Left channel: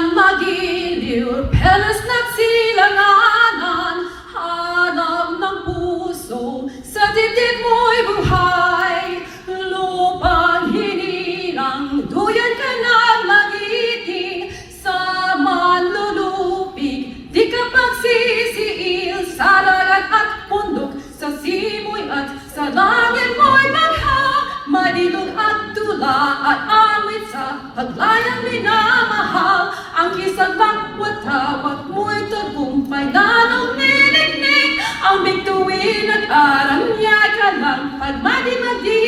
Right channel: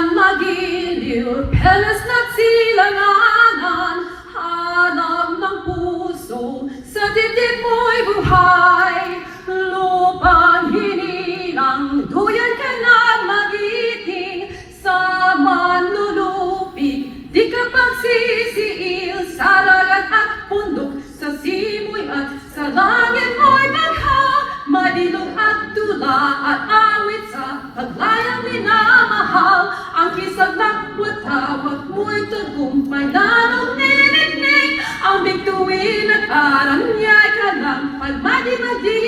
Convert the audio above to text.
walang magiliw, pelas na silanganan, hanap ng puso, sa titik mo'y buhay. Lupang hinilang, duyan ka na magiting, sa manlulupig, di ka pagsisiil, sa dagat at bundok, sa simoy at sa langit mo'y bagha, madilog at tula at awit sa paglayang minamahal. Ang kisag ng watawat mo'y tagumpay na nung niniknik, ang bigtuin at aranyay ka lang, pagmadi-madi